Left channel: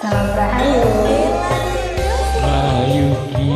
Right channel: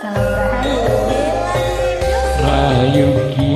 Salam Rahayu. Rayuki.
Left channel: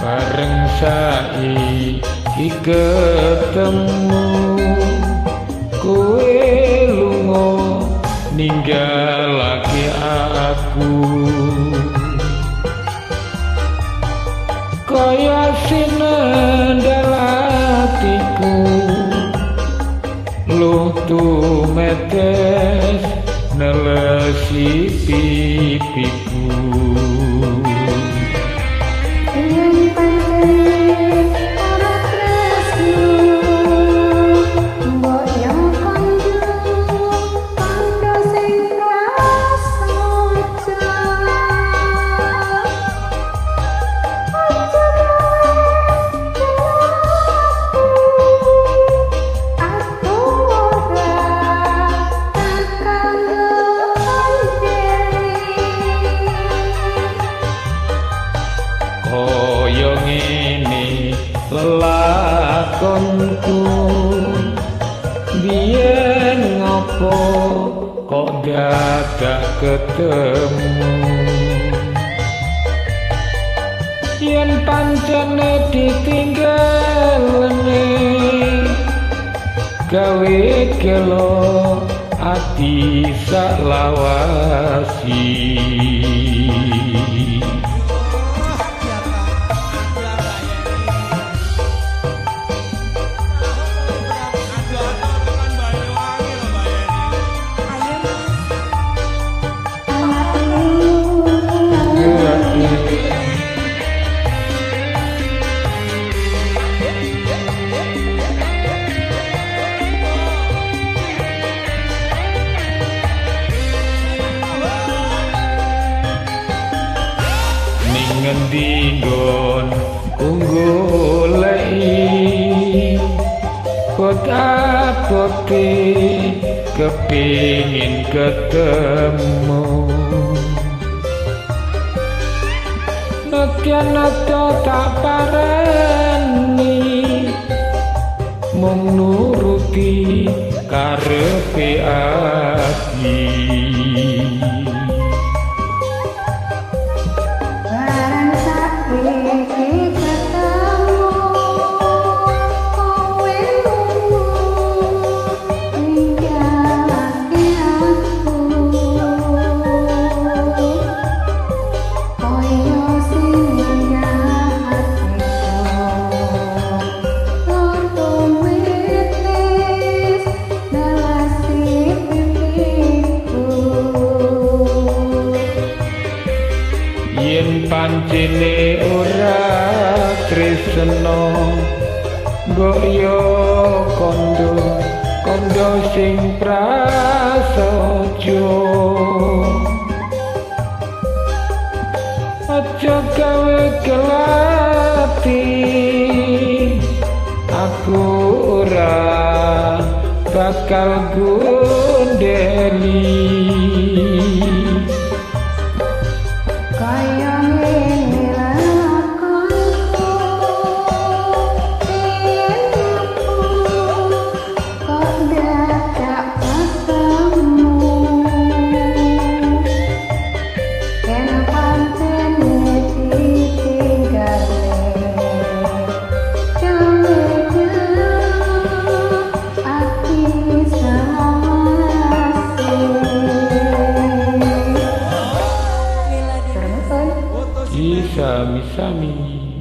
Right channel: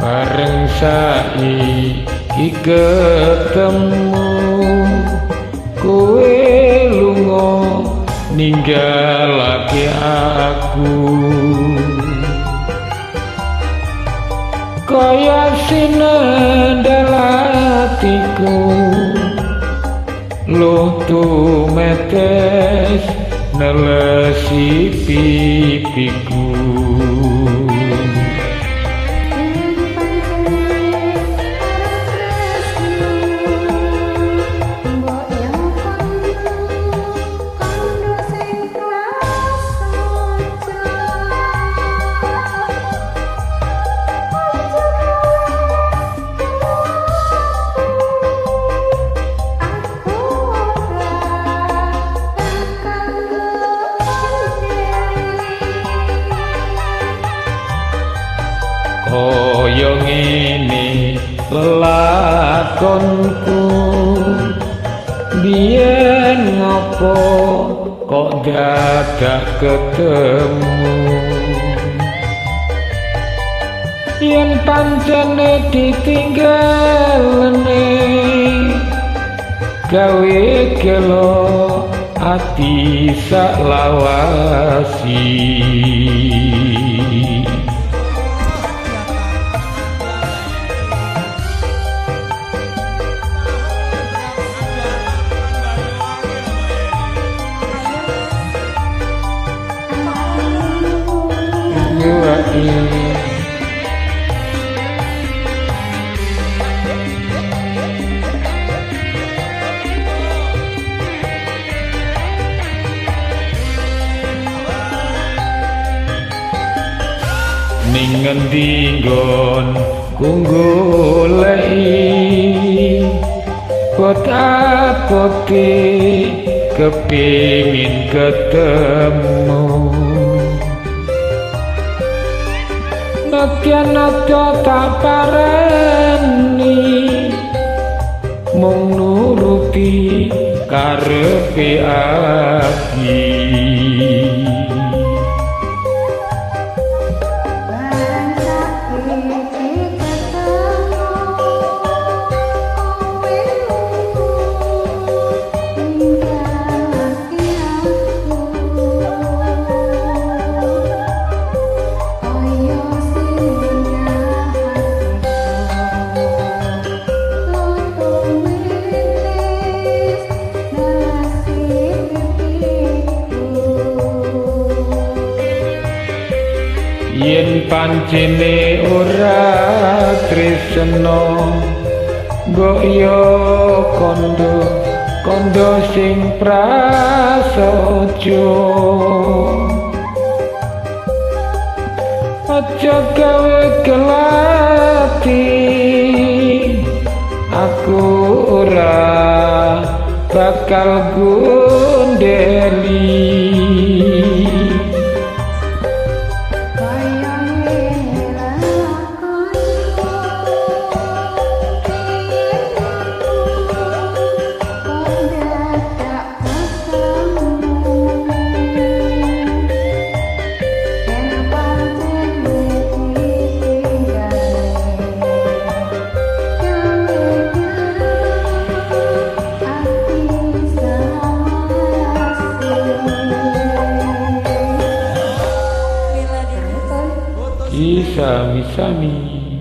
Bareng saiki ketemu kowe lunga ninggalake aku kaya sinendal atiku luh tumetes nelesi pipiku. Kaya ngene lelakonku biyen ngopo kok dadak ketemu yen pancene ditinggalne gawe gelo ati sak lawasi. Ning ngendi nggon goleki pot-pote kepingin ketemu natya-natya tak pareni mung nuruti karepe ati. Yen pancene ora tresno mbok yo kondo sing prasaja aja gawe kelati aku ora bakal gondeli. Sami-sami.